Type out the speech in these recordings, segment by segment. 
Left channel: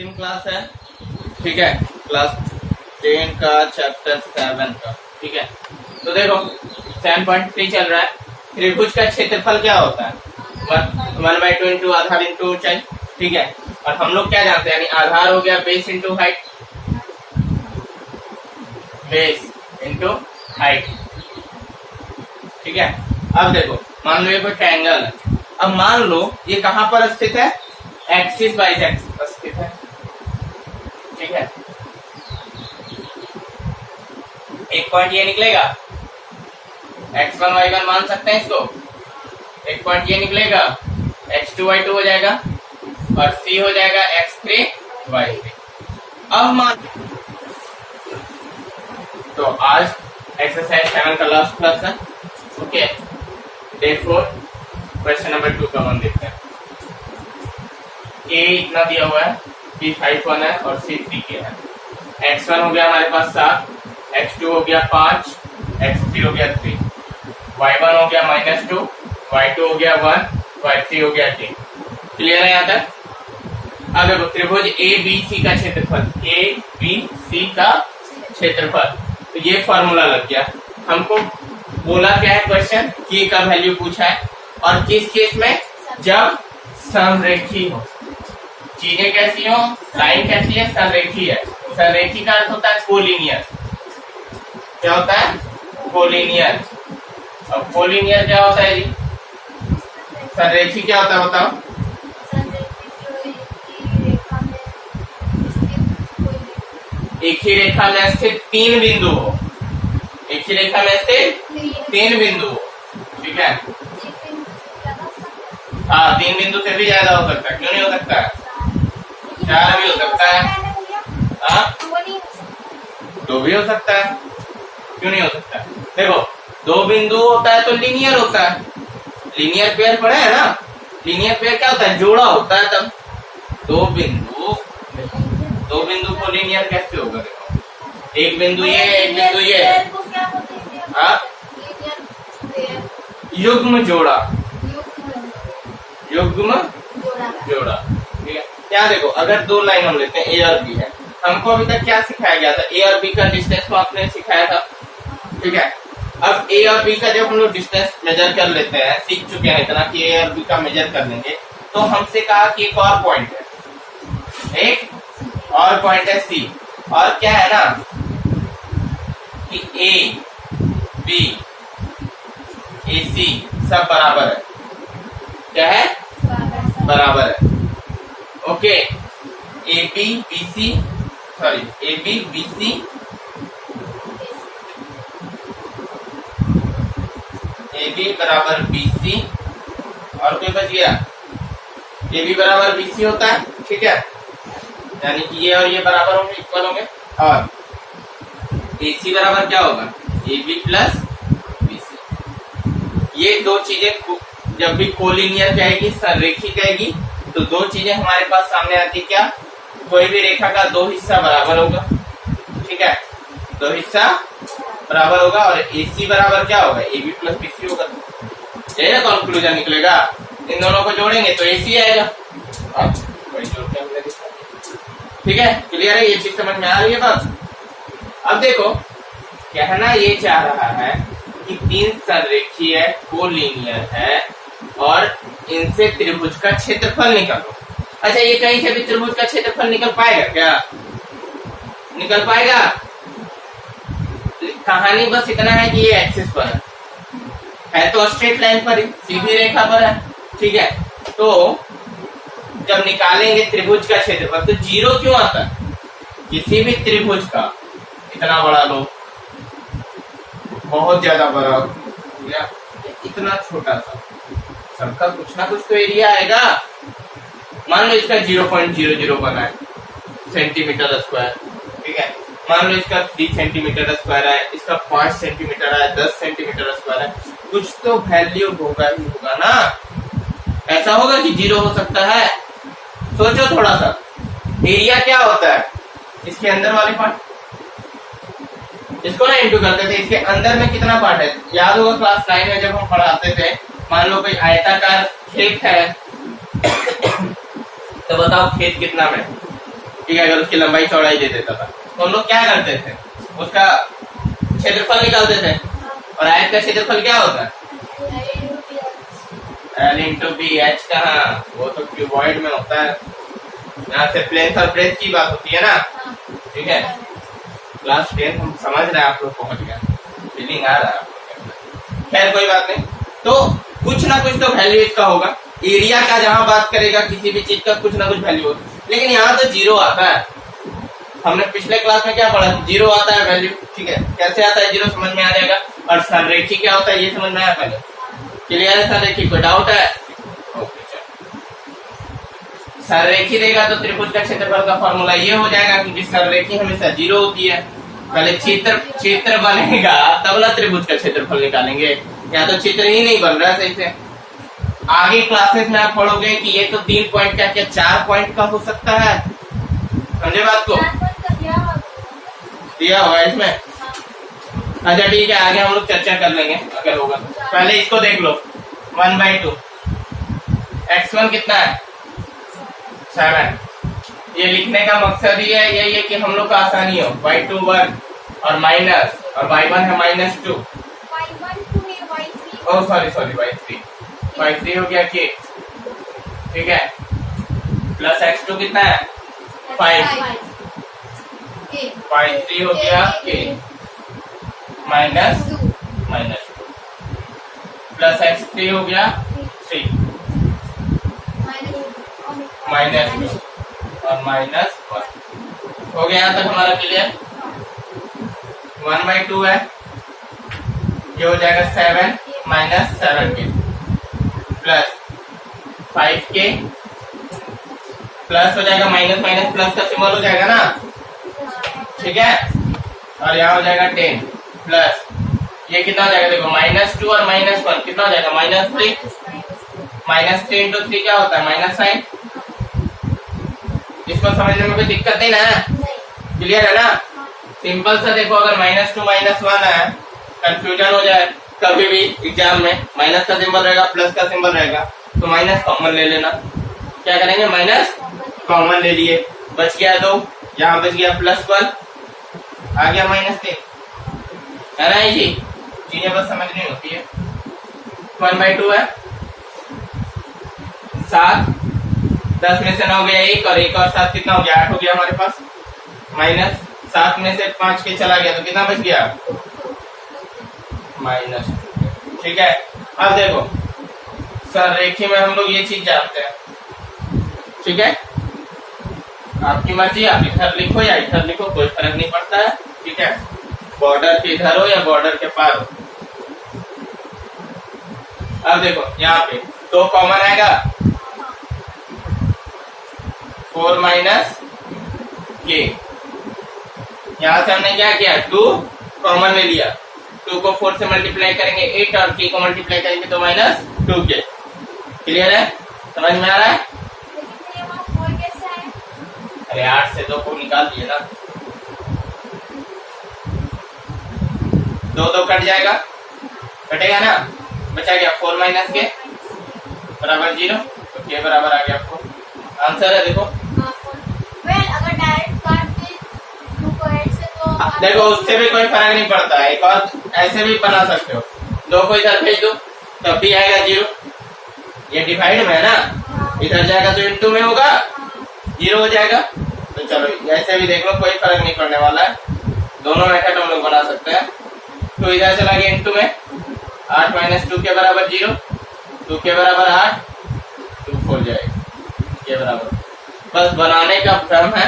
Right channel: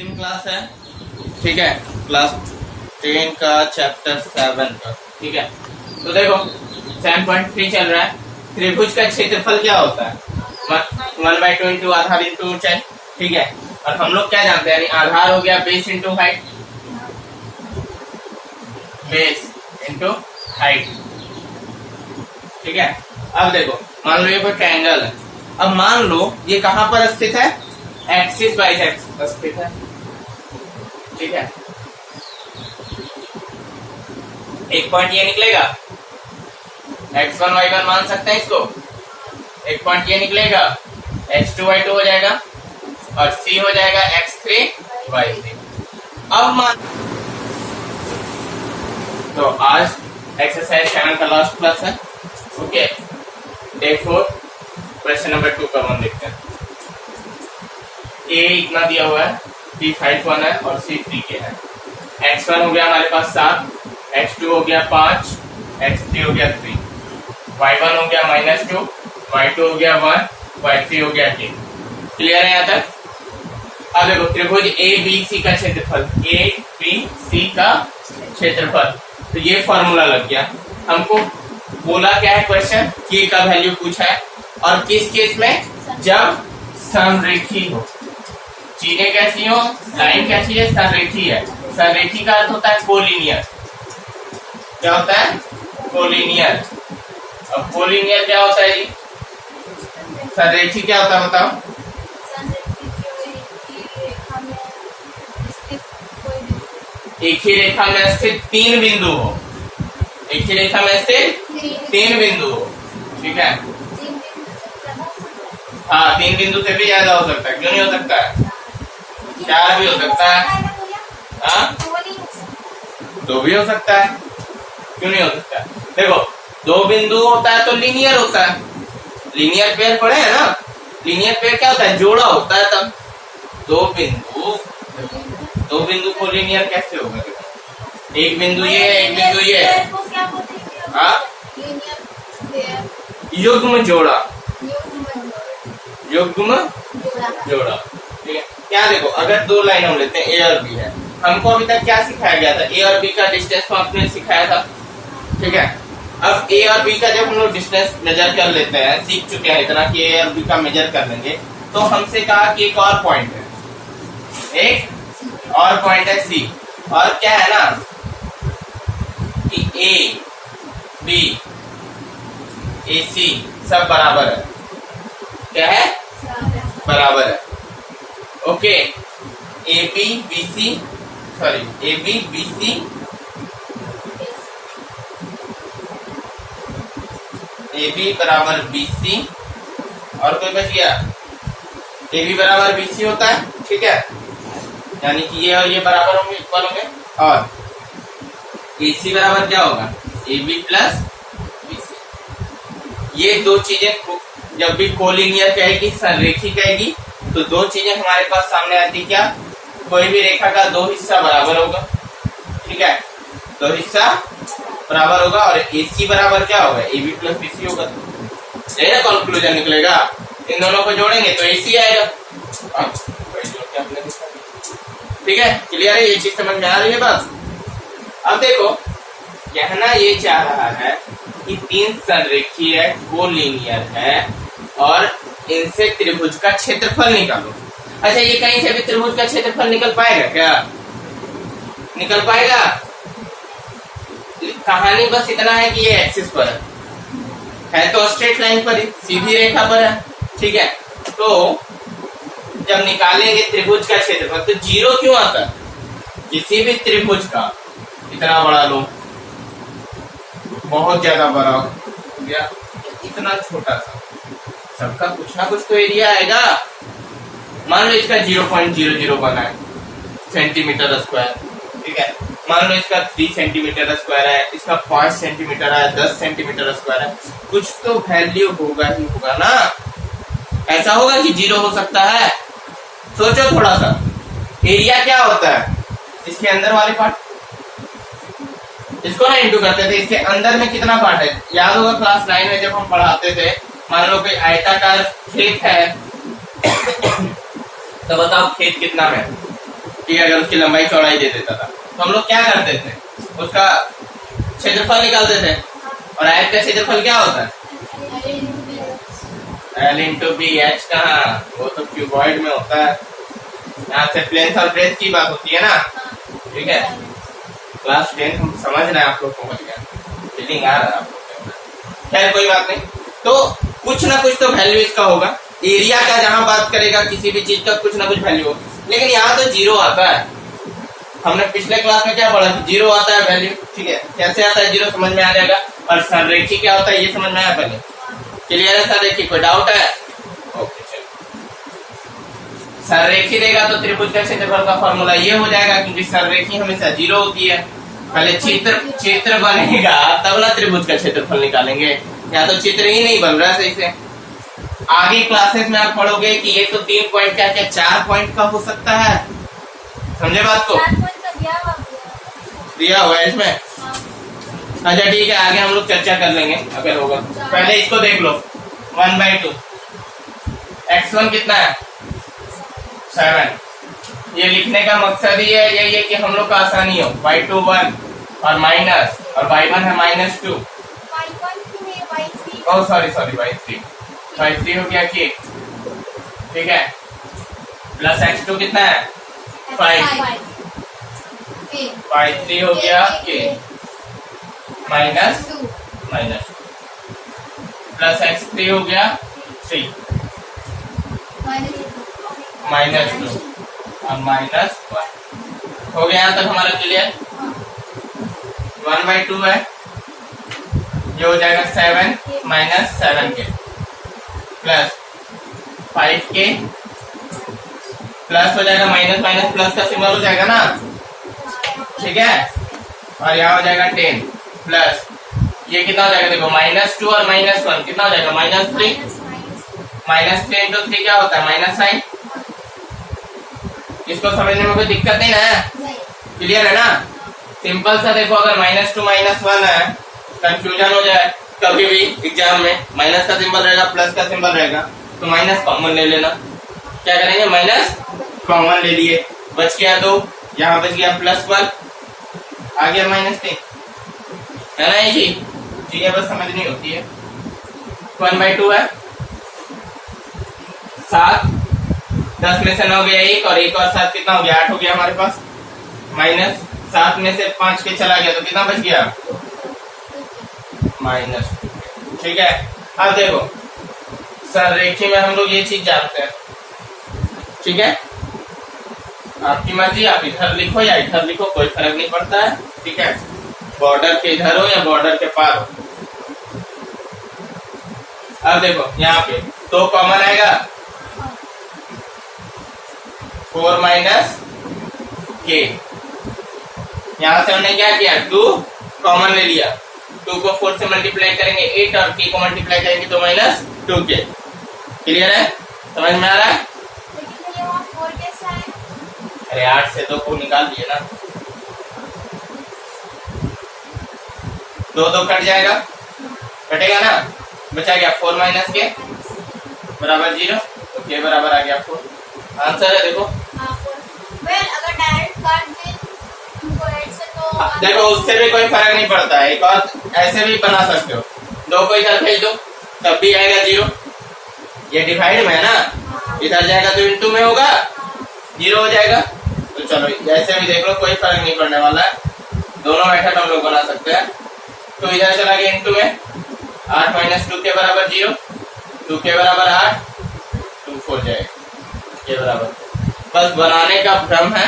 अंतिम क्लास है, ठीक है, क्लास 10 का चैप्टर 7 का, ठीक है। तो देखो 7.3 चल रहा है। त्रिभुज का क्षेत्रफल क्या होता है? 1/2 आधार इंटू ऊंचाई, ठीक है। और हम लोग क्या जानते हैं, यानी आधार हो गया base into height, base into height, ठीक है। अब देखो मान लो ये कोई ट्रायंगल है। अब मान लो ये कहां पर स्थित है? एक्सिस बाई एक्सिस स्थित है, ठीक है। एक पॉइंट ये निकलेगा, x1 y1 मान सकते हैं इसको। एक पॉइंट ये निकलेगा, x2 y2 हो जाएगा और c हो जाएगा x3 y3। अब मान तो आज एक्सरसाइज चैनल का लास्ट क्लास है, ओके। डे 4 क्वेश्चन नंबर 2 का हम देखते हैं। a इतना दिया हुआ है, b 5 है और c 3 के है। x1 हो गया हमारे पास 7, x2 हो गया 5, x3 हो गया 3, y1 हो गया -2, y2 हो गया 1, y3 हो गया 3। क्लियर है यहाँ तक? अब देखो त्रिभुज ए बी सी का क्षेत्रफल, ए बी सी का क्षेत्रफल, तो ये फॉर्मूला लग गया। हमको बोला क्या है क्वेश्चन, के का वैल्यू पूछा है और किस केस में? जब समरेखी हो, चीजें कैसी हो, लाइन कैसी है, संरेखी है। संरेखी का अर्थ होता है कोलिनियर। क्या होता है? कोलिनियर। अब कोलिनियर क्या होता है जी? संरेखी क्या होता है बताओ? एक ही रेखा में स्थित 3 बिंदु हो, एक ही रेखा में स्थित 3 बिंदु हो, ठीक है। हाँ, 3 बिंदु से भी ज्यादा हो सकता है, क्यों नहीं हो सकता है? 4 भी हो सकता है, हाँ 2 भी हो सकता है, क्यों नहीं हो सकता है? देखो 2 बिंदु होता है तो लीनियर होता है, लीनियर पेयर पढ़े है ना। लीनियर पेयर क्या होता है? जोड़ा होता है। तब 2 बिंदु को लीनियर कैसे होगा? देखो एक बिंदु ये, एक बिंदु ये, हाँ युग्म जोड़ा, युग्म जोड़ा, ठीक है। क्या देखो अगर 2 लाइन हम लेते हैं ए और बी है, हमको अभी तक क्या सिखाया गया था? ए और बी का डिस्टेंस को आपने सिखाया था, ठीक है। अब ए और बी का जब हम लोग डिस्टेंस मेजर कर लेते हैं, सीख चुके हैं इतना कि ए और बी का मेजर कर लेंगे, तो हमसे कहा कि एक और पॉइंट है, एक और पॉइंट है सी, और क्या है ना कि ए बी ए सी सब बराबर है। क्या है? बराबर है, okay. A B B C, sorry A B B C, A B बराबर बी सी, और कोई बच गया? ए बी बराबर बी सी होता है, ठीक है। यानी कि ये और ये बराबर होंगे, इक्वल होंगे। और ए सी बराबर क्या होगा? A B plus B C. ये 2 चीजें जब भी कोलिनियर कहेगी, संरेखी कहेगी, तो 2 चीजें हमारे पास सामने आती। क्या? कोई भी रेखा का 2 हिस्सा बराबर होगा, ठीक है, 2 हिस्सा बराबर होगा। और ए सी बराबर क्या होगा? A B plus B C होगा। यही ना कंक्लूजन निकलेगा। इन दोनों को जोड़ेंगे तो ए सी आएगा। ठीक है, क्लियर है? ये चीज समझ में आ रही है बात? अब देखो कहना ये चाह रहा है कि 3 संरेखीय कोलिनियर है और इनसे त्रिभुज का क्षेत्रफल निकालो। अच्छा, ये कहीं से भी त्रिभुज का क्षेत्रफल निकल पाएगा क्या? निकल पाएगा? कहानी बस इतना है कि ये एक्सिस पर है तो स्ट्रेट लाइन पर, सीधी रेखा पर है, ठीक है। तो जब निकालेंगे त्रिभुज का क्षेत्रफल तो 0 क्यों आता है? किसी भी त्रिभुज का इतना बड़ा लो, बहुत ज्यादा बड़ा या इतना छोटा सा, सबका कुछ ना कुछ तो एरिया आएगा। मान लो इसका 0.001 है सेंटीमीटर स्क्वायर, ठीक है। मान लो इसका 3 सेंटीमीटर स्क्वायर है, इसका 5 सेंटीमीटर है, 10 सेंटीमीटर स्क्वायर है, कुछ तो वैल्यू होगा ही होगा ना। ऐसा होगा कि 0 हो सकता है? सोचो थोड़ा सा, एरिया क्या होता है? इसके अंदर वाले पार्ट, इसको ना इंटू करते थे, इसके अंदर में कितना पार्ट है? याद होगा क्लास 9 में जब हम पढ़ाते थे, मान लो कोई आयताकार खेत है तो बताओ खेत कितना में? ठीक है, अगर उसकी लंबाई चौड़ाई दे देता था तो हम लोग क्या करते थे, उसका क्षेत्रफल निकालते थे। और आयत का क्षेत्रफल क्या होता है, L इंटू बी। एच कहाँ, वो तो क्यूबॉइड में होता है। यहाँ से प्लेन और ब्रेथ की बात होती है ना, ठीक है। क्लास 10 हम समझ रहे हैं, आप लोग पहुंच गए, फीलिंग आ रहा है। खैर कोई बात नहीं, तो कुछ ना कुछ तो वैल्यू इसका होगा। एरिया का जहां बात करेगा किसी भी चीज का कुछ ना कुछ वैल्यू होगा, लेकिन यहाँ तो जीरो आता है। हमने पिछले क्लास में क्या पढ़ा, जीरो आता है वैल्यू, ठीक है। कैसे आता है जीरो, समझ में आ जाएगा। और संरेखी क्या होता है ये समझ में आया पहले, क्लियर है। संरेखी कोई डाउट है, ओके चलो। संरेखी देगा तो त्रिभुज का क्षेत्रफल का फॉर्मूला ये हो जाएगा, क्योंकि संरेखी हमेशा जीरो होती है। पहले चित्र बनेगा तब ना त्रिभुज का क्षेत्रफल निकालेंगे, या तो चित्र ही नहीं बन रहा सही से। आगे क्लासेस में आप पढ़ोगे कि ये तो 3 पॉइंट क्या क्या 4 पॉइंट का हो सकता है, समझे बात को, दिया हुआ है इसमें। अच्छा ठीक है, आगे हम लोग चर्चा कर लेंगे अगर होगा। पहले इसको देख लो, 1/2 x1 कितना है 7। ये लिखने का मकसद ही है यही है कि हम लोग का आसानी हो। y2 1 और माइनस, और y1 है -2। ओह सॉरी y3 हो गया k, ठीक है। प्लस x2 कितना है 5, y3 हो गया k माइनस प्लस x3 हो गया 3 -2 और -1 हो गया। यहाँ तक हमारा क्लियर। 1/2 है, ये हो जाएगा 7 - 7k प्लस 5k प्लस हो जाएगा माइनस माइनस प्लस का सिंबल हो जाएगा ना, ठीक है। और यहाँ हो जाएगा 10 प्लस ये कितना हो जाएगा, देखो -2 और -1 कितना हो जाएगा -3। -3 इंटू 3 क्या होता है -9। इसको समझने में कोई दिक्कत नहीं ना, क्लियर है ना। सिंपल सा देखो, अगर -2 -1 है, कंफ्यूजन हो जाए कभी भी एग्जाम में, माइनस का सिंबल रहेगा प्लस का सिंबल रहेगा, तो माइनस कॉमन ले लेना। क्या करेंगे, माइनस कॉमन ले लिए, बच गया 2, यहाँ बच गया +1, आ गया -3, है ना। ये चीजें बस समझनी होती है। 1/2 है, 7, 10 में से 9 गया 1, और 1 और 7 कितना हो गया 8 हो गया हमारे पास। -7 में से 5 के चला गया तो कितना बच गया -2, ठीक है। अब देखो संरेखी में हम लोग ये चीज जानते हैं, ठीक है। आपकी मर्जी, आप इधर लिखो या इधर लिखो, कोई फर्क नहीं पड़ता है, ठीक है। बॉर्डर के इधर हो या बॉर्डर के पार हो। अब देखो यहाँ पे 2 कॉमन आएगा, 4 - k। यहाँ से हमने क्या किया, 2 कॉमन ले लिया, 2 को 4 से मल्टीप्लाई करेंगे 8, और k को मल्टीप्लाई करेंगे तो -2k। क्लियर है, समझ में आ रहा है। अरे 8 से 2 को निकाल दिए ना, 2 कट जाएगा, कटेगा ना, बचा गया 4 - k बराबर 0, तो k बराबर आ गया 4। आंसर है देखो। अगर डायरेक्ट काट दे 2 को 8 से तो देखो उससे भी कोई फर्क नहीं पड़ता, एक और ऐसे भी बना सकते हो, 2 को इधर भेज दो तब भी आएगा 0। ये डिवाइड में है ना, इधर जाएगा तो इंटू में होगा, 0 हो जाएगा। तो चलो ऐसे भी देख लो, कोई फर्क नहीं पड़ने वाला है, दोनों मेथड हम लोग बना सकते हैं। तो इधर चला गया इंटू में, 8 - 2 के बराबर 0, 2 के बराबर 8, 2 4 जाएगा के बराबर। बस बनाने का भ्रम है,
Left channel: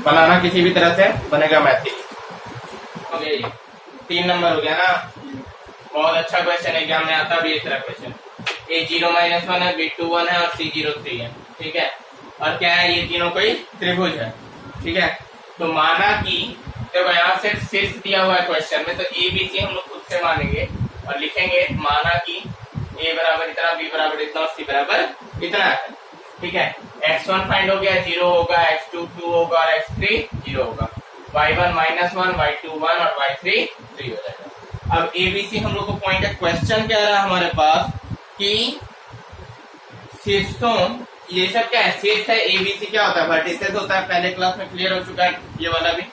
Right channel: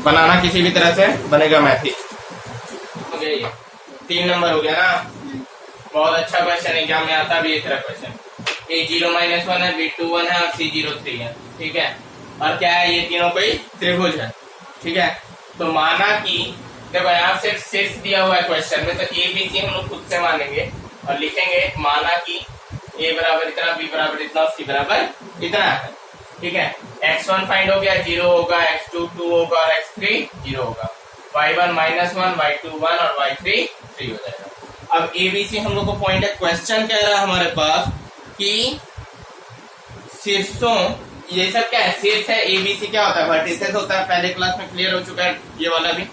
बनाना किसी भी तरह से बनेगा मैथिक। हो गया ये 3 नंबर हो गया ना, बहुत अच्छा क्वेश्चन एग्जाम में आता भी एक क्वेश्चन। A0 - 1 है, B2 1 है और C0 3 है, ठीक है। और क्या है, ये तीनों कोई त्रिभुज है, ठीक है। तो माना कि देखो यहाँ से शीर्ष दिया हुआ है क्वेश्चन में, तो ABC हम लोग खुद से मानेंगे और लिखेंगे, माना कि A बराबर इतना, B बराबर इतना और C बराबर इतना है, ठीक है। x1 फाइंड हो गया, 0 होगा, x2 2 होगा और x3 0 होगा, y1 -1, y2 1 और y3 3 हो जाएगा। अब ABC हम लोग को पॉइंट है, क्वेश्चन क्या रहा हमारे पास कि शीर्षों ये सब क्या है, शीर्ष है, एबीसी क्या होता है, वर्टिसेस होता है, पहले क्लास में क्लियर हो चुका है ये वाला भी।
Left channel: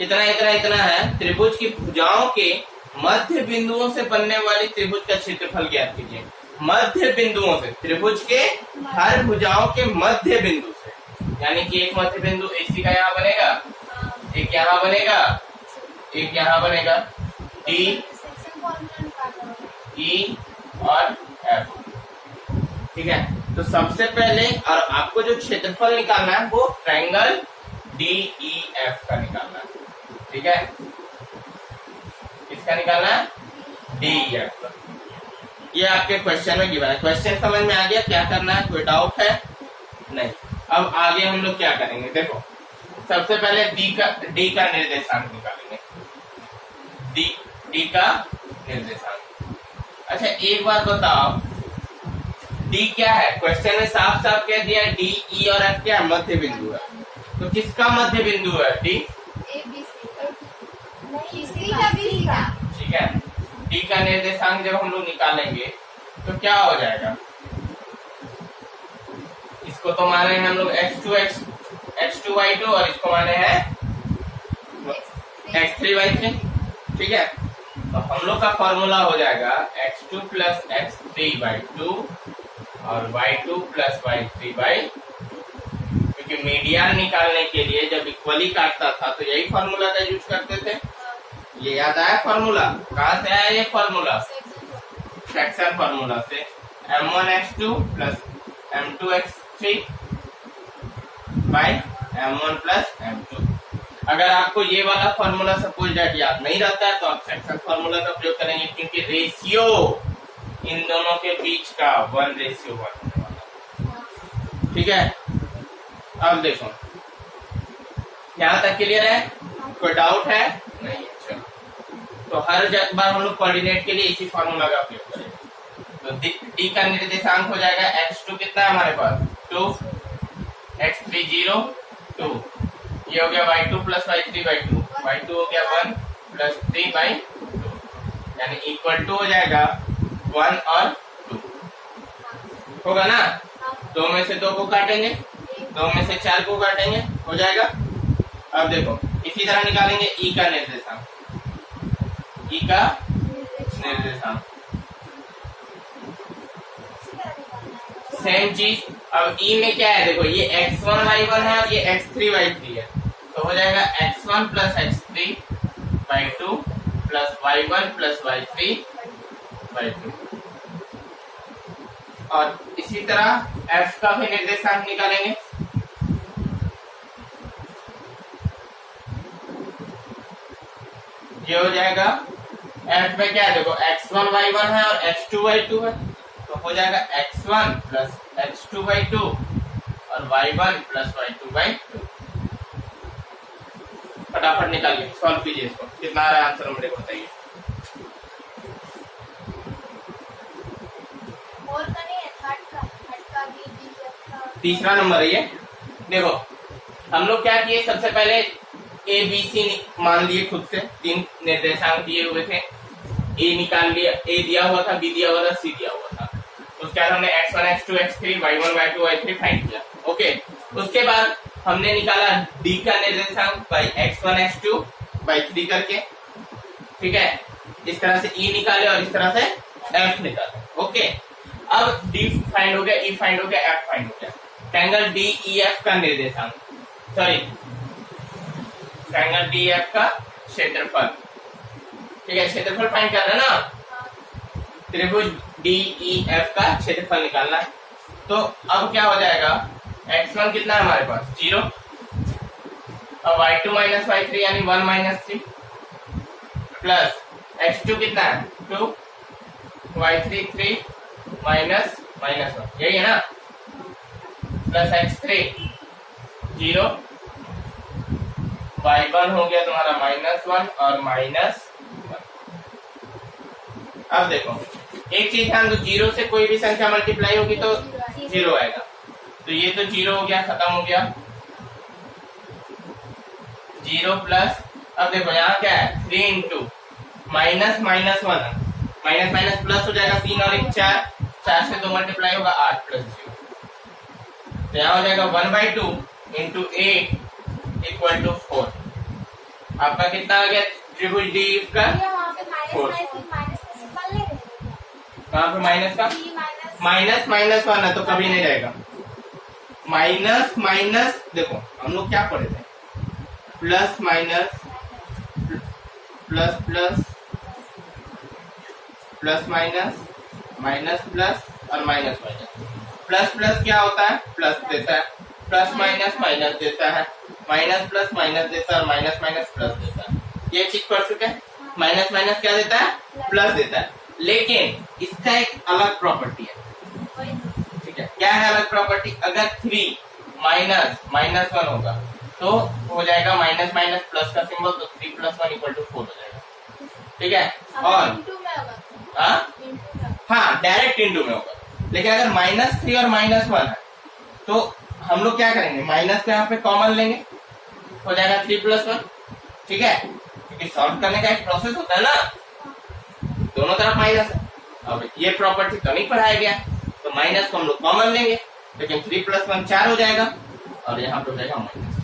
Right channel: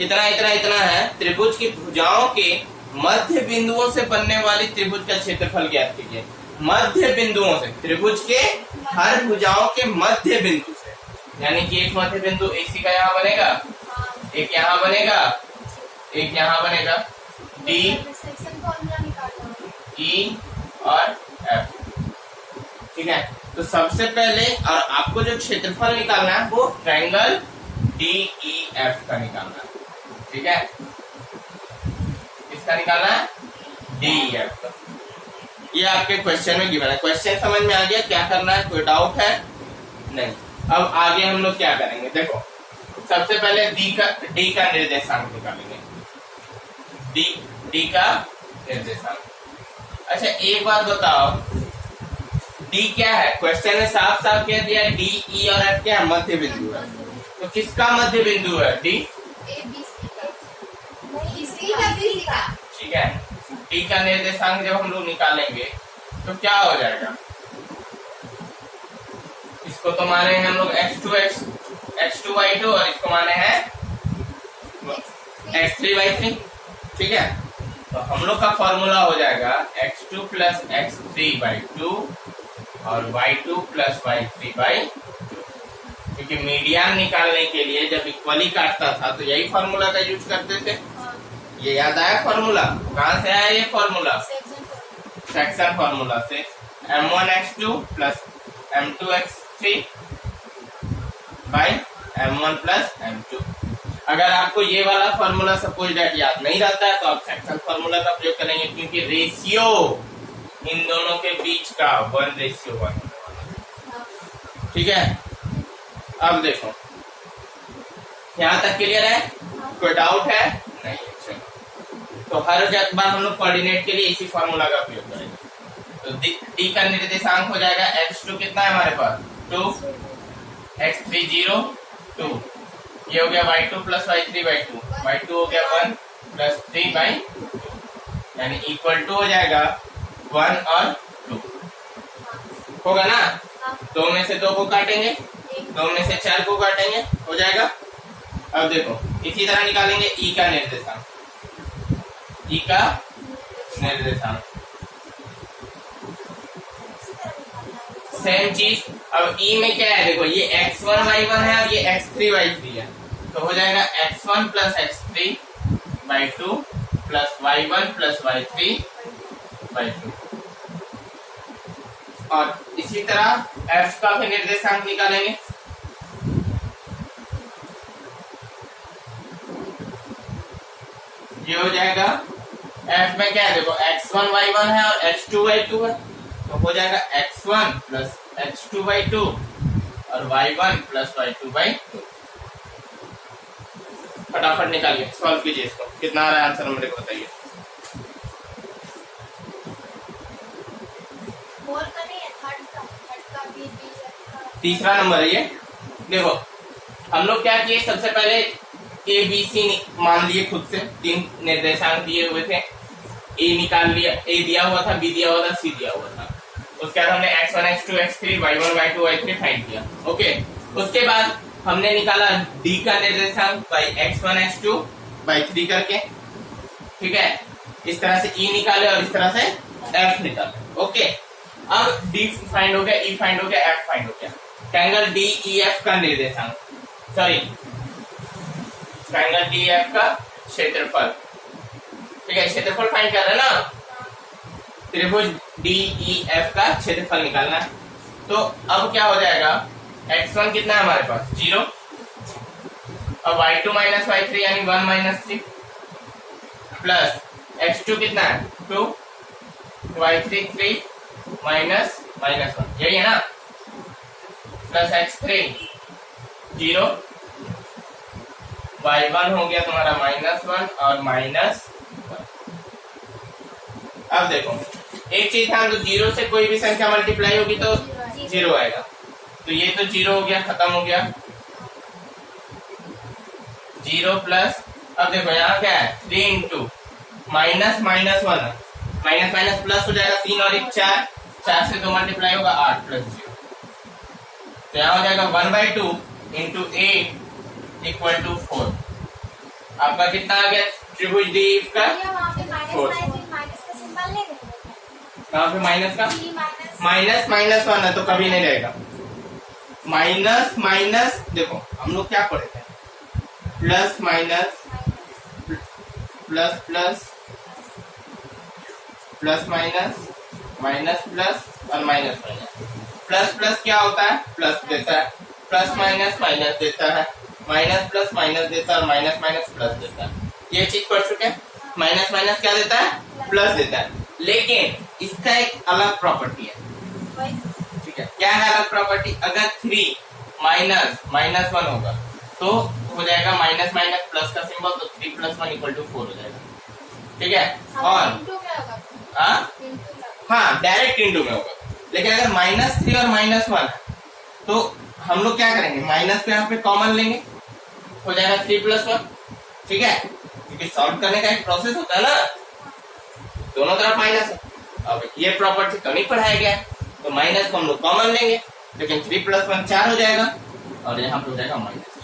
इतना इतना इतना है, त्रिभुज की भुजाओं के मध्य बिंदुओं से बनने वाली त्रिभुज का क्षेत्रफल ज्ञात कीजिए। मध्य बिंदुओं से, त्रिभुज के हर भुजाओं के मध्य बिंदु से, यानी कि एक मध्य बिंदु एसी का यहाँ बनेगा, एक यहाँ बनेगा, एक यहाँ बनेगा, डी सेक्शन फॉर्मूला निकालना होगा। ई और एफ। ठीक है, तो सबसे पहले और आपको जो क्षेत्रफल निकालना है वो ट्रायंगल डी ई एफ का निकालना है। ठीक है, इसका निकालना है डी ई एफ का। ये आपके क्वेश्चन में गिवन है। क्वेश्चन समझ में आ गया क्या करना है, कोई डाउट है? नहीं। अब आगे हम लोग क्या करेंगे, देखो सबसे पहले डी का निर्देशांक निकालेंगे। डी का निर्देशांक। अच्छा एक बात बताओ, डी क्या है? क्वेश्चन में साफ साफ कह दिया है डी ई और एफ क्या है, मध्य बिंदु है। तो किसका मध्य बिंदु है? डी का। ठीक है, डी का निर्देशांक जब हम लोग निकालेंगे तो क्या हो जाएगा, इसको तो माने हैं हम लोग x2y2 और इसको माने हैं x3y3। ठीक है, तो हम लोग का फॉर्मूला हो जाएगा x2 प्लस x3/2 और y2 प्लस y3/2। क्योंकि मीडियन निकालने के लिए जब इक्वली काटता था तो यही फॉर्मूला का यूज करते थे। ये याद आया फॉर्मूला? कहाँ से आया ये फॉर्मूला? सेक्शन फॉर्मूला से। m1x2 plus m2x3 bye m1 plus m2। अगर आपको ये वाला फॉर्मूला सपोज दैट याद नहीं रहता है तो आप सेक्शन फॉर्मूला का प्रयोग करेंगे, क्योंकि रेशियो इन दोनों के बीच का 1:1 होने वाला। ठीक है, अब देखो यहाँ तक क्लियर है, कोई डाउट है? नहीं। तो हर बार हम लोग कोऑर्डिनेट के लिए इसी फॉर्मूला का उपयोग करेंगे। तो डी का निर्देशांक हो जाएगा x2 कितना है हमारे पास 2, x3 0 2, ये हो गया y2 प्लस y3/2, y2 हो गया 1 प्लस 3/2, यानी इक्वल टू हो जाएगा 1 और 2 होगा ना। 2 में से 2 को काटेंगे, 2 में से 4 को काटेंगे, हो जाएगा। अब देखो इसी तरह निकालेंगे ई का निर्देशांक। ई का निर्देशांक सेम चीज। अब ई में क्या है, देखो ये x1y1 है और ये x3y3 है, तो हो जाएगा x1 plus x3/2 plus y1 plus y3/2। और इसी तरह f का भी निर्देशांक निकालेंगे। ये हो जाएगा f में क्या है, देखो x1y1 है और x2y2 है, तो हो जाएगा x1 प्लस x2/2 और y1 प्लस y2/2। फटाफट निकालिए, सॉल्व कीजिए इसको। कितना आ रहा है आंसर मेरे को बताइए। तीसरा नंबर है ये। देखो हम लोग क्या किए, सबसे पहले ए बी सी मान लिए खुद से, 3 निर्देशांक दिए हुए थे, ए निकाल लिया, ए दिया हुआ था, बी दिया हुआ था, सी दिया हुआ था। उसके बाद हमने x1 x2 x3 y1 y2 y3 find किया। ओके, उसके बाद हमने निकाला डी का निर्देशांक बाई x1 x2 by 3 करके। ठीक है, इस तरह से ई निकाले और इस तरह से एफ निकाले। ओके, अब डी फाइंड हो गया, ई फाइंड हो गया, एफ फाइंड हो गया। ट्रायंगल डी ई एफ का निर्देशांक, सॉरी ट्रायंगल डी एफ का क्षेत्रफल। ठीक है, क्षेत्रफल फाइंड करना है ना, त्रिभुज डी ई एफ का क्षेत्रफल निकालना है। तो अब क्या हो जाएगा, x1 कितना है हमारे पास 0, और y2 माइनस y3 यानी 1 माइनस 3 प्लस x2 कितना है 2, y3 3 माइनस माइनस 1, यही है ना, प्लस x3 0, y1 हो गया तुम्हारा -1 और -1। अब देखो एक चीज ध्यान दो, 0 से कोई भी संख्या मल्टीप्लाई होगी तो 0 आएगा, तो ये तो 0 हो गया, खत्म हो गया 0 प्लस। अब देखो यहाँ क्या है 3 into minus minus 1, minus minus plus हो जाएगा, 3 और 1 4, 4 से 2 मल्टीप्लाई होगा 8 प्लस 0, तो यहाँ हो जाएगा 1/2 इंटू 8 इक्वल टू 4। आपका कितना आ गया त्रिभुज डी का? ये वहाँ पे Four. माइनस का सिंबल ले रहे कहाँ पे माइनस का? माइनस माइनस वन है तो कभी नहीं जाएगा। माइनस माइनस देखो हम लोग क्या पढ़े थे, plus minus plus plus plus minus minus plus और माइनस माइनस। प्लस प्लस क्या होता है? प्लस देता है, प्लस माइनस माइनस देता है, माइनस प्लस माइनस देता है और माइनस माइनस प्लस देता है। ये चीज पढ़ चुके हैं। माइनस माइनस क्या देता है? प्लस देता है। लेकिन इसका एक अलग प्रॉपर्टी है, ठीक है? क्या है अलग प्रॉपर्टी? अगर 3 माइनस माइनस 1 होगा तो हो जाएगा माइनस माइनस प्लस का सिंबल, तो 3 + 1 = 4 हो जाएगा, ठीक है? और हाँ डायरेक्ट इंटू में होगा। लेकिन अगर -3 और -1 है तो हम लोग क्या करेंगे? माइनस पे यहाँ पे कॉमन लेंगे, हो जाएगा 3 + 1, ठीक है? क्योंकि सॉल्व करने का एक प्रोसेस होता है ना, दोनों तरफ माइनस है। अब ये प्रॉपर्टी तो नहीं पढ़ाया गया, तो माइनस को हम लोग कॉमन लेंगे, लेकिन 3 + 1 4 हो जाएगा और यहाँ पे हो जाएगा माइनस।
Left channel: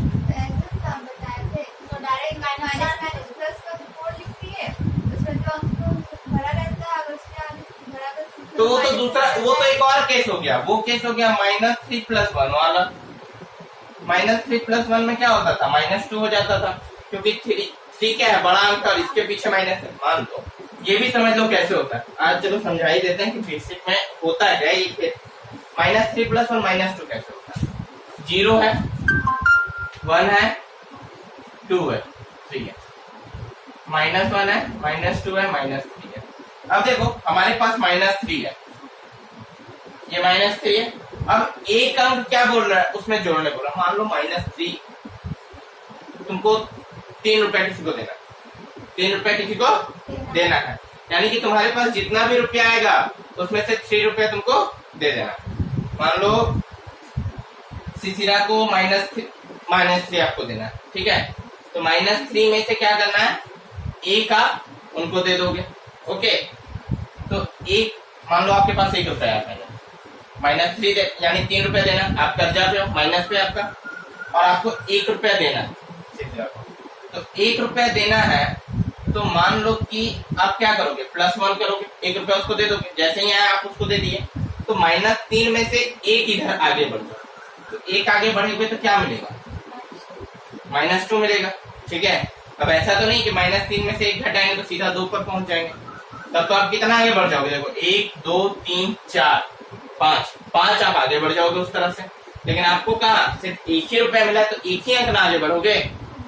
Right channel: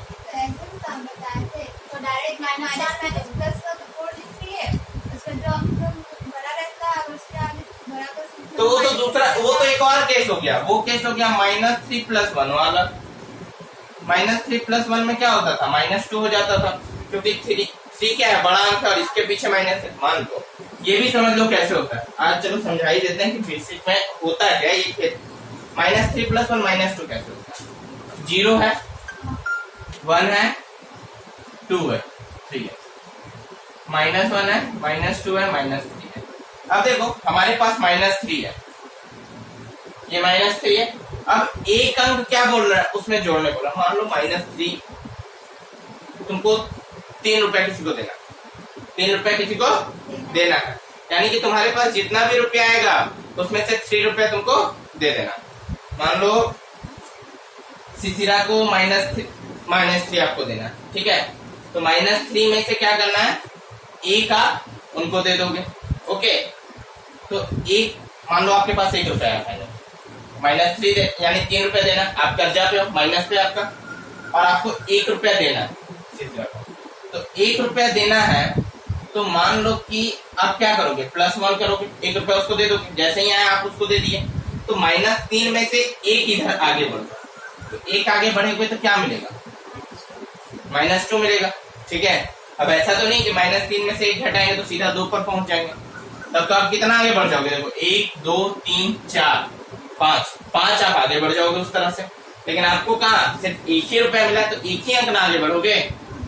तो डायरेक्ट माइनस प्लस का तो 4 लिख दिए, उसमें जो भरा रहता है अगर उसके आगे भरा का सिंबल तो वो तो दूसरा, वो तो एक और केस हो गया। वो केस हो गया -3 + 1 वाला। -3 + 1 में क्या होता था? -2 हो जाता था, क्योंकि 3 क्या है? बड़ा अंक और इसके पीछे माइनस है। मान लो ये भी समझ लो कैसे होता है। आज चलो समझा ही देते हैं कि बेसिक में होता है क्या ये। -3 + 1 -2 कैसे होता है? 0 है, 1 है, 2 है, ठीक है? -1 है, -2 है, -3 है। अब देखो हमारे पास -3 है, ये -3 है। अब एक अंक क्या बोल रहा है? उसमें जोड़ने बोल रहा है। मान लो -3 तुमको 3 रुपए किसी को देना, 3 रुपए किसी को देना है, यानी कि तुम्हारे पास जितना भी रुपया आएगा उसमें से 3 रुपए तुमको दे देना। मान लो सिसिरा को -3 आपको देना, ठीक है? तो -3 में से क्या करना है? एक आप उनको दे दोगे, ओके? तो एक मान लो आपके पास 1 रुपया है, -3 दे यानी 3 रुपए देना। आप कर्जा पे हो, माइनस पे आपका, और आपको 1 रुपया देना है सिसिरा को। तो 1 रुपया देना है तो मान लो कि आप क्या करोगे? +1 करोगे, 1 रुपया उसको दे दोगे। जैसे ही आया आप उसको दे दिए, तो -3 में से 1 इधर आगे बढ़ जाए, तो 1 आगे बढ़ेगे तो क्या मिलेगा? -2 मिलेगा, ठीक है? अब ऐसा तो नहीं कि -3 में से 1 घटाएंगे तो सीधा 2 पर पहुंच जाएंगे, तब तो आप कितना आगे बढ़ जाओगे? देखो 1 2 3 4 5 आप आगे बढ़ जाओगे उस तरह से। लेकिन आपको कहा सिर्फ 1 ही रुपया मिला, तो 1 ही अंक ना आगे बढ़ोगे,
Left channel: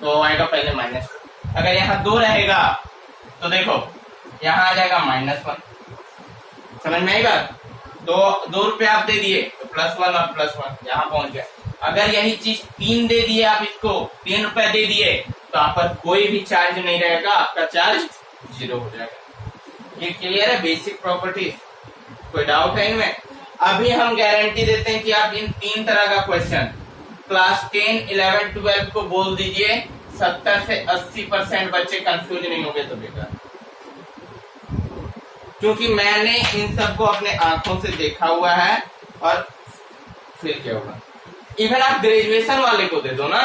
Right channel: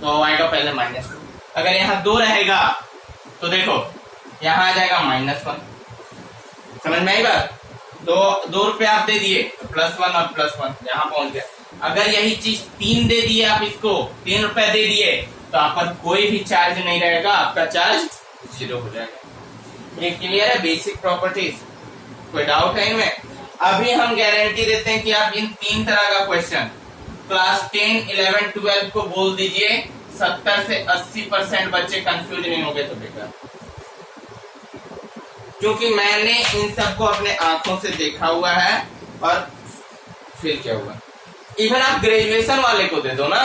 तो आएगा पहले -2। अगर यहाँ 2 रहेगा तो देखो यहाँ आ जाएगा -1। समझ में आई बात? 2 रुपए आप दे दिए तो +1 और +1 यहाँ पहुंच गया। अगर यही चीज 3 दे दिए, आप इसको 3 रुपए दे दिए, तो आप पर कोई भी चार्ज नहीं रहेगा, आपका चार्ज 0 हो जाएगा। ये क्लियर है? Basic properties. कोई डाउट है इनमें? अभी हम गारंटी देते हैं कि आप इन 3 तरह का क्वेश्चन क्लास 10, 11, 12 को बोल दीजिए, 70 से 80% बच्चे कंफ्यूज नहीं होंगे। तो बेटा क्योंकि मैंने इन सबको अपने आंखों से देखा हुआ है, और फिर क्या हुआ? इवन आप ग्रेजुएशन वाले को दे दो ना,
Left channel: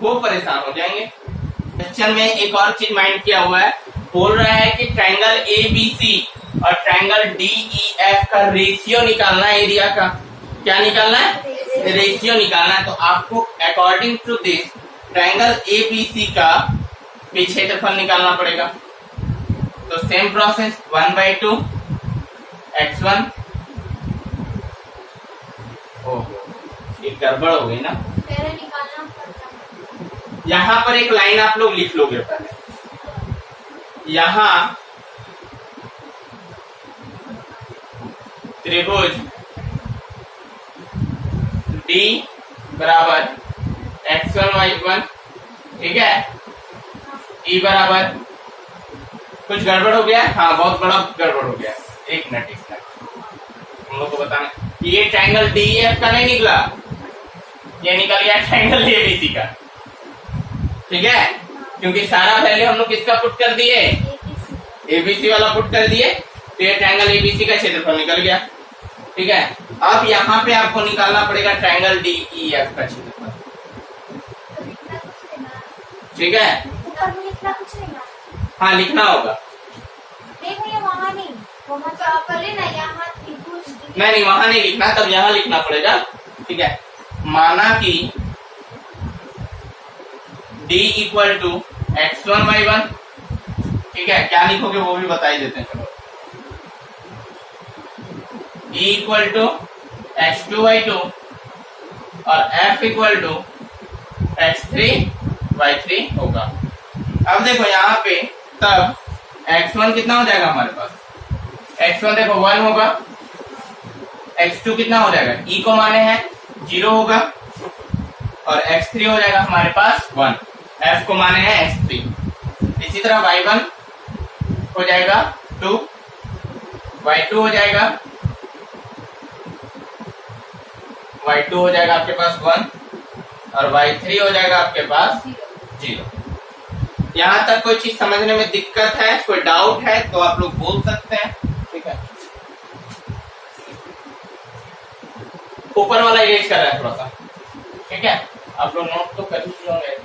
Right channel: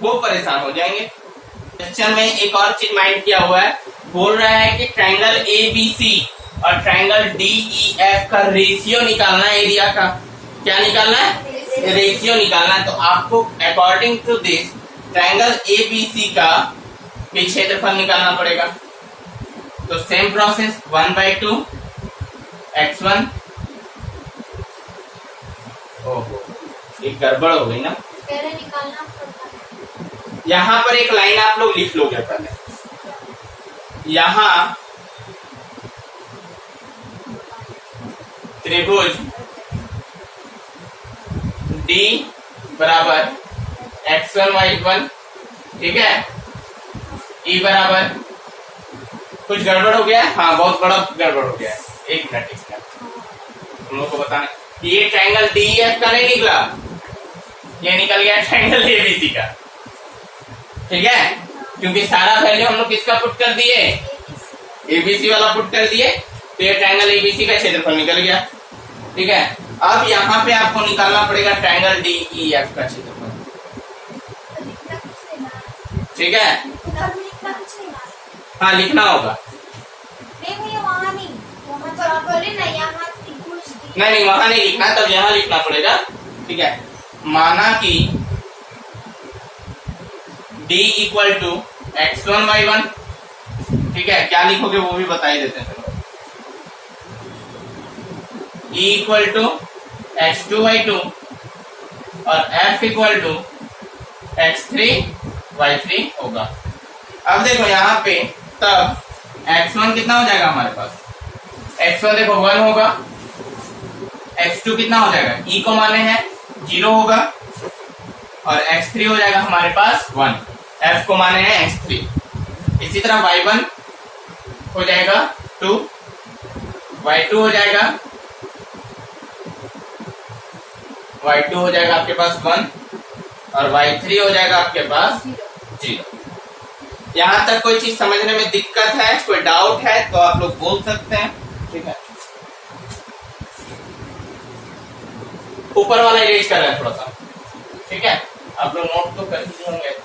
वो परेशान हो जाएंगे। क्वेश्चन में एक और चीज माइंड किया हुआ है, बोल रहा है कि ट्रायंगल ABC और ट्रायंगल DEF का रेशियो निकालना है एरिया का। क्या निकालना है? रेशियो निकालना है। तो आपको according to this triangle ABC का भी क्षेत्रफल निकालना पड़ेगा। तो सेम प्रोसेस, 1/2 x1। ओहो एक गड़बड़ हो गई ना, पहले निकालना पड़ता है। यहाँ पर एक लाइन आप लोग लिख लोगे पहले। यहाँ त्रिभुज D बराबर x1 y1, ठीक है? E बराबर, कुछ गड़बड़ हो गया? हाँ बहुत बड़ा गड़बड़ हो गया। 1 मिनट इसका हम लोग को बताना, ये ट्रायंगल DEF का नहीं निकला, ये निकल गया ट्रायंगल ABC का, ठीक है? क्योंकि सारा वैल्यू हम लोग किसका पुट कर दिए? ABC वाला पुट कर दिए, तो ये ट्रायंगल ABC का क्षेत्रफल निकल गया। ठीक है। अब यहाँ पे आपको निकालना पड़ेगा ट्रायंगल डी ई एफ का क्षेत्रफल, तो लिखना कुछ नहीं ना, ठीक है। और भी लिखना कुछ नहीं ना। हाँ लिखना होगा, नहीं भैया वहाँ नहीं, वहाँ तो आप बोले ना यहाँ त्रिभुज दी। नहीं वहां नहीं लिखना, तब यहाँ लिखना पड़ेगा, ठीक है। माना कि d इक्वल टू x1y1, ठीक है। क्या लिखोगे वो भी बता ही देते हैं, चलो। e इक्वल टू x2y2 और f इक्वल टू x3y3 होगा। अब देखो यहाँ पे तब x1 कितना हो जाएगा हमारे पास, x1 देखो 1 होगा, x2 कितना हो जाएगा, e को माने हैं 0 होगा, और x3 हो जाएगा हमारे पास 1, f को माने हैं x3। इसी तरह y1 हो जाएगा 2, y2 हो जाएगा आपके पास 1 और y3 हो जाएगा आपके पास 0। यहाँ तक कोई चीज समझने में दिक्कत है, कोई डाउट है तो आप लोग बोल सकते हैं, ठीक है। ऊपर वाला इरेज कर रहे हैं थोड़ा सा, ठीक है। आप लोग नोट तो कर ही होंगे।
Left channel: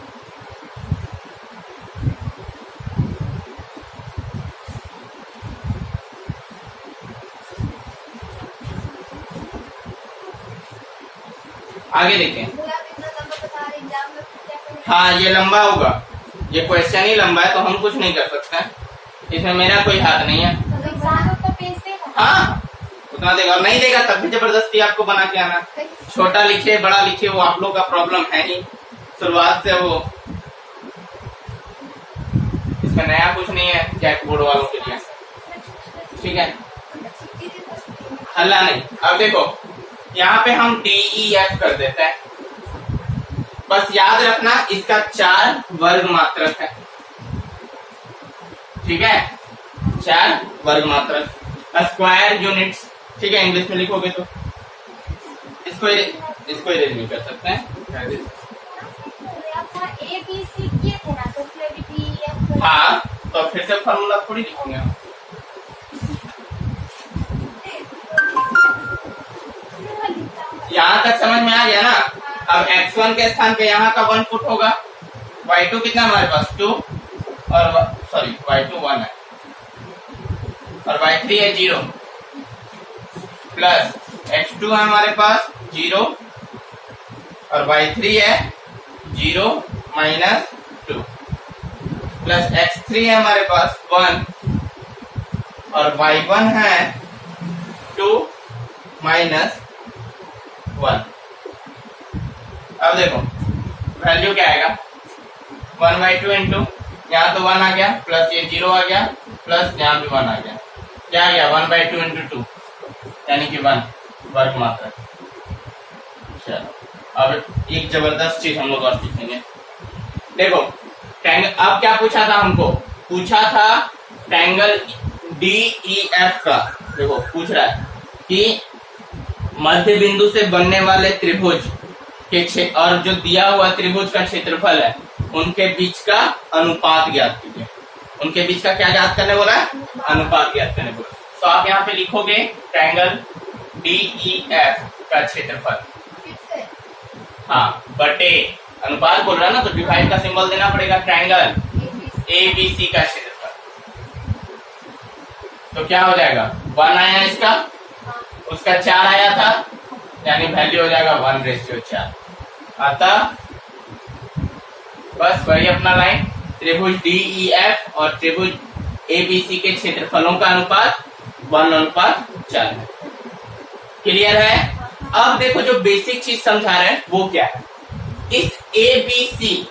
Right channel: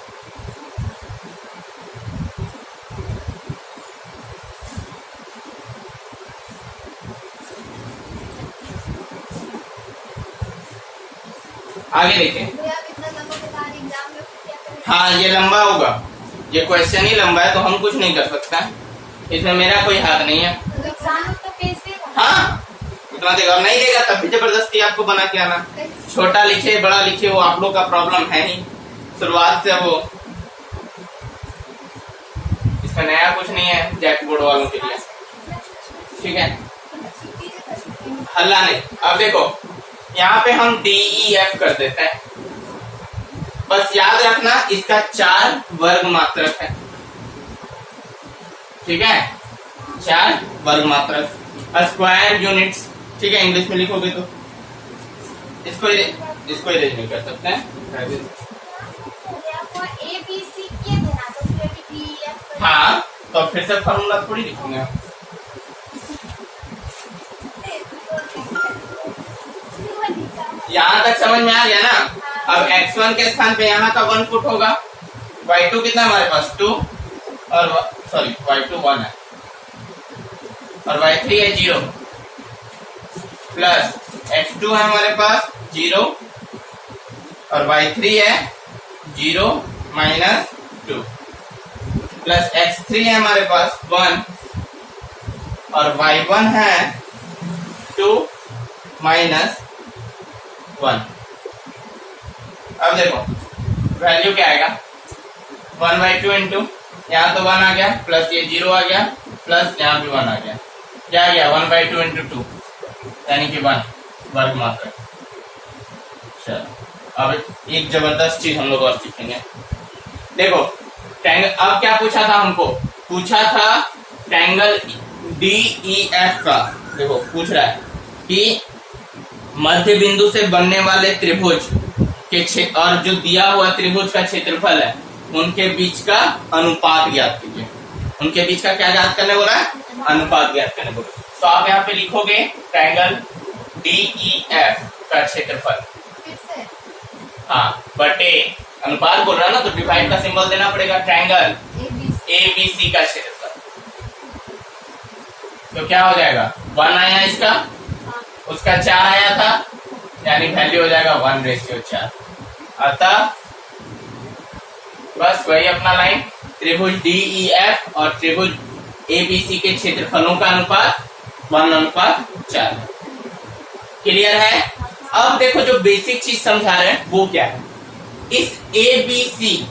आगे देखें। भैया आप इतना लंबा बता रहे एग्जाम में फिर क्या करेंगे? हाँ ये लंबा होगा, ये क्वेश्चन ही लंबा है तो हम कुछ नहीं कर सकते, इसमें मेरा कोई हाथ नहीं है। तो एग्जाम में तो पेज देगा। हाँ उतना देगा, और नहीं देगा तब भी जबरदस्ती आपको बना के आना। छोटा लिखे बड़ा लिखे वो आप लोग का प्रॉब्लम है ही, शुरुआत से वो, इसमें नया कुछ नहीं है जैक बोर्ड वालों के लिए, ठीक है। हल्ला नहीं। अब देखो यहाँ पे हम डी ई एफ कर देते हैं, बस याद रखना इसका 4 वर्ग मात्रक है, ठीक है। 4 वर्ग मात्रक, स्क्वायर यूनिट्स, ठीक है। इंग्लिश में लिखोगे तो इसको इरेज नहीं कर सकते हैं। आपको ए बी सी किए थे ना, तो फिर अभी डी एफ। हाँ तो फिर से फॉर्मूला थोड़ी लिखूंगा। यहाँ तक समझ में आ गया ना। अब x1 के स्थान पे यहाँ का 1 पुट होगा, y2 कितना हमारे पास 2 और सॉरी y2 1 है और y3 है 0, प्लस x2 है हमारे पास 0 और y3 है 0 माइनस 2, प्लस x3 है हमारे पास 1 और y1 है 2 माइनस 1। अब देखो वैल्यू क्या आएगा, 1/2 इंटू यहाँ तो 1 आ गया, प्लस ये 0 आ गया, प्लस यहाँ भी 1 आ गया, क्या आ गया 1/2 इंटू 2 यानी कि 1 वर्ग मात्रक। चलो अब एक जबरदस्त चीज हम लोग और सीखेंगे। देखो ट्रायंगल, अब क्या पूछा था हमको, पूछा था ट्रायंगल डी ई एफ का। देखो पूछ रहा है कि मध्य बिंदु से बनने वाले त्रिभुज के क्षेत्र और जो दिया हुआ त्रिभुज का क्षेत्रफल है उनके बीच का अनुपात ज्ञात कीजिए। उनके बीच का क्या ज्ञात करने बोला है, अनुपात ज्ञात करने बोला। तो आप यहाँ पे लिखोगे ट्रायंगल डी ई एफ का क्षेत्रफल, हाँ बटे अनुपात बोल रहा है ना तो डिवाइड का सिंबल देना पड़ेगा, ट्रायंगल ए बी सी का क्षेत्रफल। तो क्या हो जाएगा 1 आया इसका, उसका 4 आया था, यानी वैल्यू हो जाएगा 1/4। अतः बस वही अपना लाइन, त्रिभुज डी ई एफ और त्रिभुज ए बी सी के क्षेत्रफलों का अनुपात 1:4। क्लियर है। अब देखो जो बेसिक चीज समझा रहे हैं वो क्या है, इस ए बी सी,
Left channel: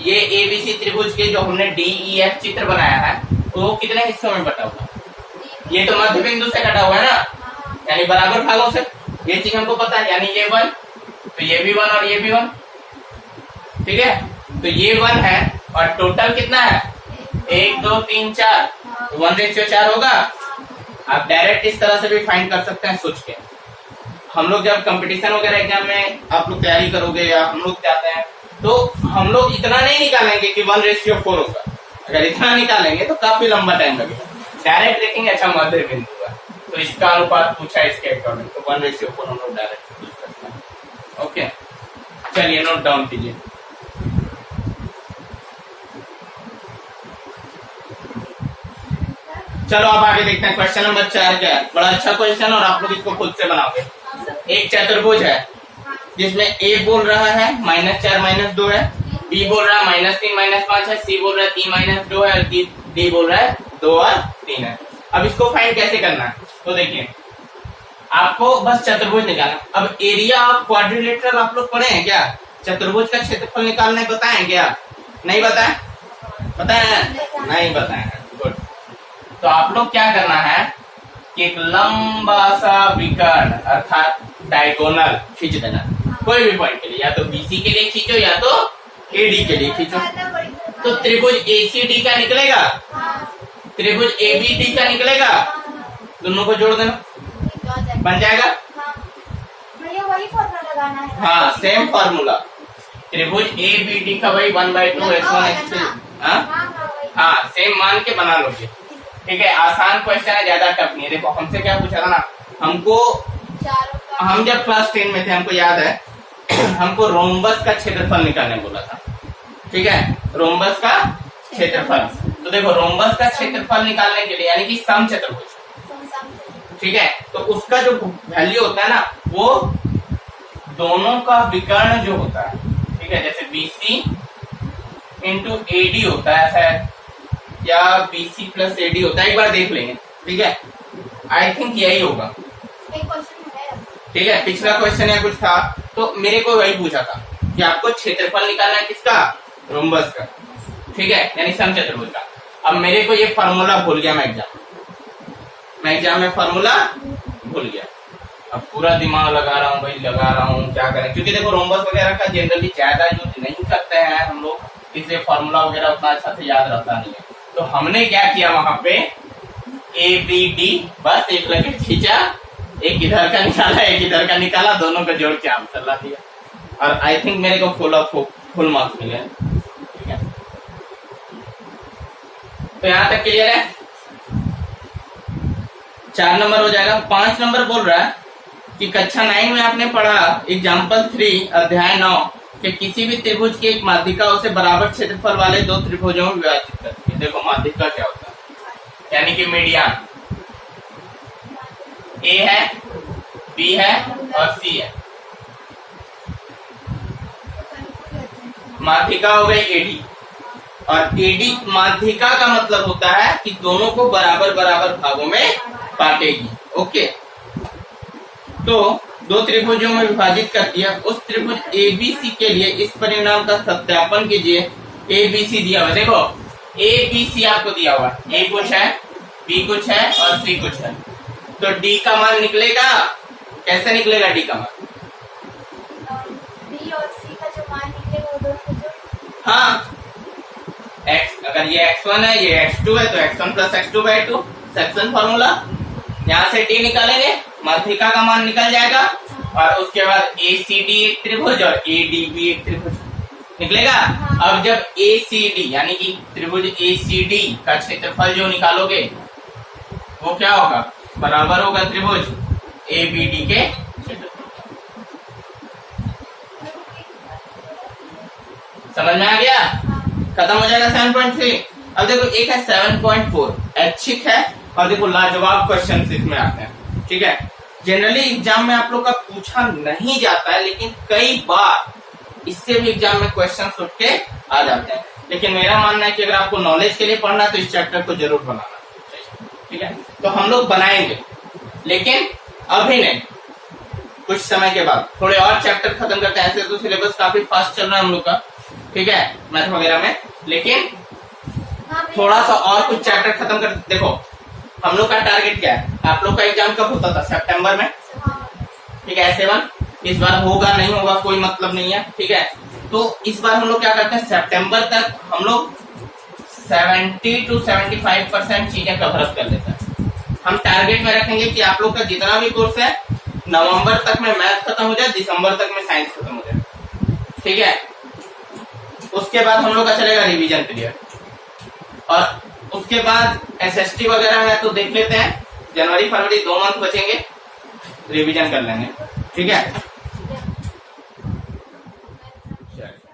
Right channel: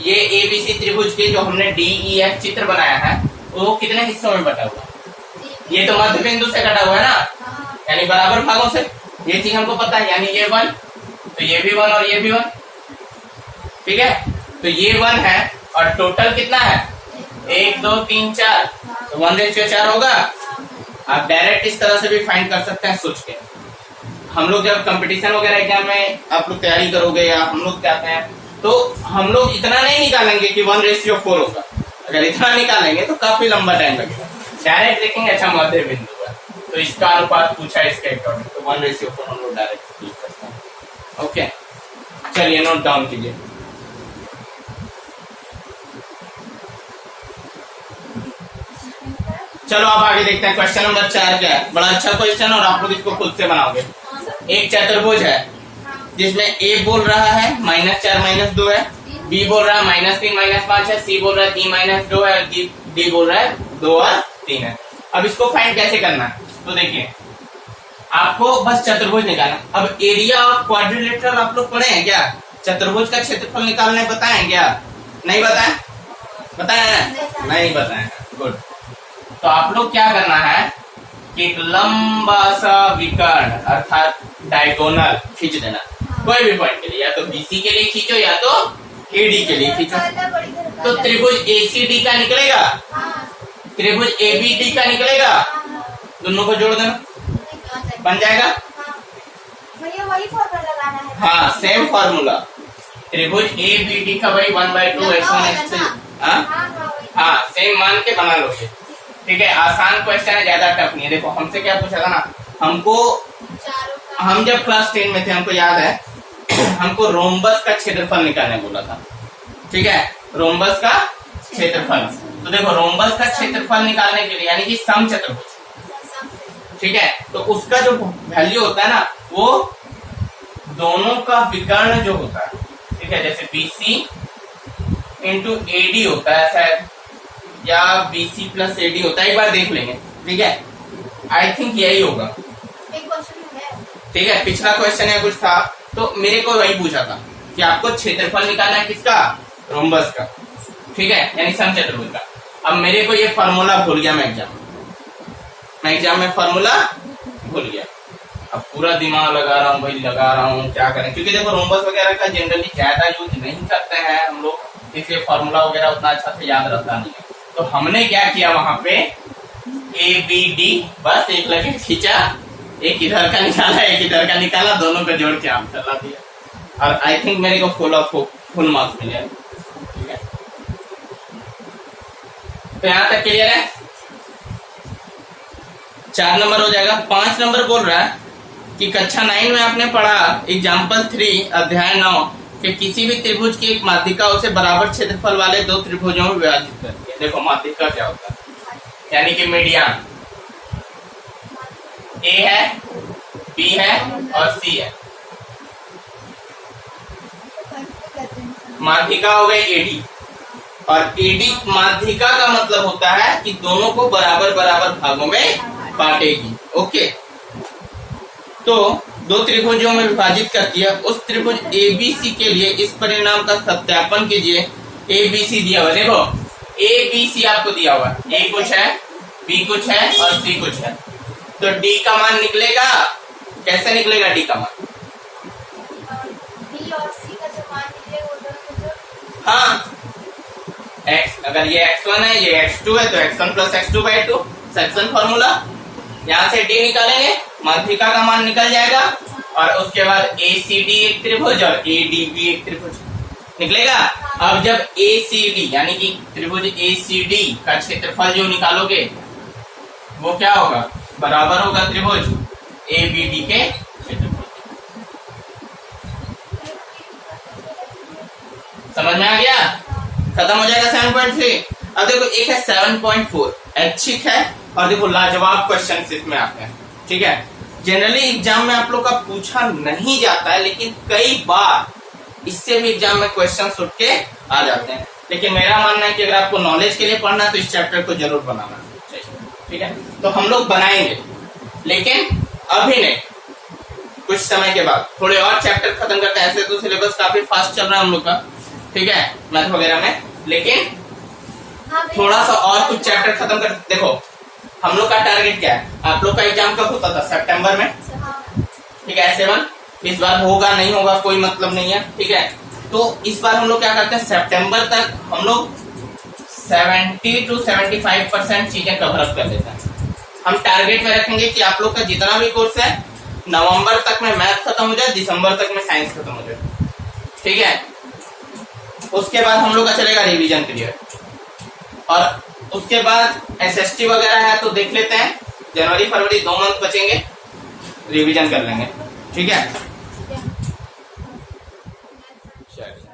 ये ए बी सी त्रिभुज के जो हमने डी ई एफ चित्र बनाया है वो कितने हिस्सों में बटा हुआ, ये तो मध्य बिंदु से कटा हुआ है ना, यानी बराबर भागों से, ये चीज हमको पता है, यानी ये 1 तो ये भी 1 और ये भी 1, ठीक है। तो ये 1 है और टोटल कितना है 1 2 3 4, तो 1/4 होगा। आप डायरेक्ट इस तरह से भी फाइंड कर सकते हैं सोच के। हम लोग जब कंपटीशन वगैरह एग्जाम में आप लोग तैयारी करोगे या हम लोग जाते हैं तो हम लोग इतना नहीं निकालेंगे कि 1/4 होगा, अगर इतना निकालेंगे तो काफी लंबा टाइम लगेगा। डायरेक्ट देखेंगे अच्छा मध्य बिंदु है तो इसका अनुपात पूछा है इसके अकॉर्डिंग, तो 1:4 हम लोग डायरेक्ट यूज करते हैं। ओके, चलिए नोट डाउन कीजिए। चलो अब आगे देखते हैं क्वेश्चन नंबर 4 क्या है। बड़ा अच्छा क्वेश्चन और आप लोग इसको खुद से बनाओगे। एक चतुर्भुज है जिसमें ए बोल रहा है -4 -2 है, बी बोल रहा है -3 -5 है, सी बोल रहा है 3 -2 है, डी बोल रहा है 2 और 3 है। अब इसको फाइंड कैसे करना है, तो देखिए आपको बस चतुर्भुज निकालना। अब एरिया ऑफ क्वाड्रिलेटरल आप लोग पढ़े हैं क्या? चतुर्भुज का क्षेत्रफल निकालने बताएं क्या? नहीं बताएं? बताएं? नहीं बताएं, गुड। तो आप लोग क्या करना है कि एक लंबा सा विकर्ण अर्थात डायगोनल खींच देना, कोई भी पॉइंट के लिए, या तो बीसी के लिए खींचो या तो एडी के लिए खींचो। तो त्रिभुज एसीडी का निकलेगा, त्रिभुज एबीडी का निकलेगा, दोनों को जोड़ देना, बन जाएगा। वही फॉर्मूला लगाना है। हाँ, सेम फॉर्मूला। त्रिभुज एबीडी का वही 1/2 x1 x2। हाँ, सेम मान के बना लोगे, ठीक है। आसान क्वेश्चन है, ज्यादा टफ नहीं है। देखो हमसे क्या पूछा था ना, हमको हम जब क्लास 10 में थे हमको याद है हमको रोम्बस का क्षेत्रफल निकालने बोला था, ठीक है, रोम्बस का क्षेत्रफल। तो देखो रोम्बस का क्षेत्रफल निकालने के लिए यानी कि समचतुर्भुज, ठीक है, तो उसका जो वैल्यू होता है ना वो दोनों का विकर्ण जो होता है, ठीक है, जैसे BC इंटू AD होता है शायद, या BC प्लस AD होता है, एक बार देख लेंगे, ठीक है। आई थिंक यही होगा, ठीक है। पिछला क्वेश्चन या कुछ था तो मेरे को वही पूछा था कि आपको क्षेत्रफल निकालना है किसका? रोम्बस का, ठीक है, यानी समचतुर्भुज का। अब मेरे को ये फॉर्मूला भूल गया, मैं एग्जाम में फॉर्मूला भूल गया। अब पूरा दिमाग लगा रहा हूँ भाई, लगा रहा हूँ, क्या करें, क्योंकि देखो रोम्बस वगैरह का जनरली ज्यादा यूज नहीं करते हैं हम लोग, इसलिए फॉर्मूला वगैरह उतना अच्छा से याद रहता नहीं है। तो हमने क्या किया, वहां पे ABD बस एक लगे खींचा, एक इधर का निकाला एक इधर का निकाला, दोनों को जोड़ के आंसर ला दिया, और आई थिंक मेरे को फुल मार्क्स मिले, ठीक है। तो यहाँ तक क्लियर है। 4 नंबर हो जाएगा। 5 नंबर बोल रहा है कि कक्षा 9 में आपने पढ़ा एग्जाम्पल 3 अध्याय 9 कि किसी भी त्रिभुज की एक माध्यिका उसे बराबर क्षेत्रफल वाले दो त्रिभुजों में विभाजित करती है। देखो माध्यिका क्या होता है, यानी कि मीडियन A है, B है और C है। माध्यिका हो गई AD, और AD माध्यिका का मतलब होता है कि दोनों को बराबर बराबर भागों में काटेगी। ओके, तो दो त्रिभुजों में विभाजित करती है। उस त्रिभुज ABC के लिए इस परिणाम का सत्यापन कीजिए। ABC दिया हुआ, देखो ABC आपको दिया हुआ, A कुछ है, B कुछ है और C कुछ है, तो D का मान निकलेगा। कैसे निकलेगा D का मान? B और C का जो मान निकलेगा वो दोनों जो, हाँ, X अगर ये X1 है ये X2 है तो X1 plus X2/2 section formula. यहाँ से D निकालेंगे, माध्यिका का मान निकल जाएगा, और उसके बाद ACD एक त्रिभुज और ADB एक त्रिभुज निकलेगा। अब जब ACD यानी कि त्रिभुज ACD का क्षेत्रफल जो निकालोगे वो क्या होगा? बराबर होगा त्रिभुज ABD के क्षेत्रफल। समझ में आ गया? खत्म हो जाएगा 7.3। अब देखो एक है 7.4, ऐच्छिक है, और देखो लाजवाब क्वेश्चन इसमें आते हैं, ठीक है। जनरली एग्जाम में आप लोग का पूछा नहीं जाता है, लेकिन कई बार इससे भी एग्जाम में क्वेश्चन उठ के आ जाते हैं। लेकिन मेरा मानना है कि अगर आपको नॉलेज के लिए पढ़ना है तो इस चैप्टर को जरूर बनाना चाहिए, ठीक है। तो हम लोग बनाएंगे, लेकिन अभी नहीं, कुछ समय के बाद थोड़े और चैप्टर खत्म करते हैं। ऐसे तो सिलेबस काफी फास्ट चल रहा है हम लोग का, ठीक है, मैथ वगैरह में, लेकिन थोड़ा सा और कुछ चैप्टर खत्म कर। देखो हम लोग का टारगेट क्या है, आप लोग का एग्जाम कब होता था? सितंबर में, ठीक है। S7 इस बार होगा नहीं होगा कोई मतलब नहीं है, ठीक है। तो इस बार हम लोग क्या करते हैं, सितंबर तक हम लोग 70 to 75% चीजें कवर अप कर लेते हैं। हम टारगेट में रखेंगे कि आप लोग का जितना भी कोर्स है नवंबर तक में मैथ खत्म हो जाए, दिसंबर तक में साइंस खत्म हो जाए, ठीक है। उसके बाद हम लोग का चलेगा रिवीजन पीरियड, और उसके बाद SST वगैरह है तो देख लेते हैं, जनवरी फरवरी 2 मंथ बचेंगे, रिवीजन कर लेंगे, ठीक है। चलिए।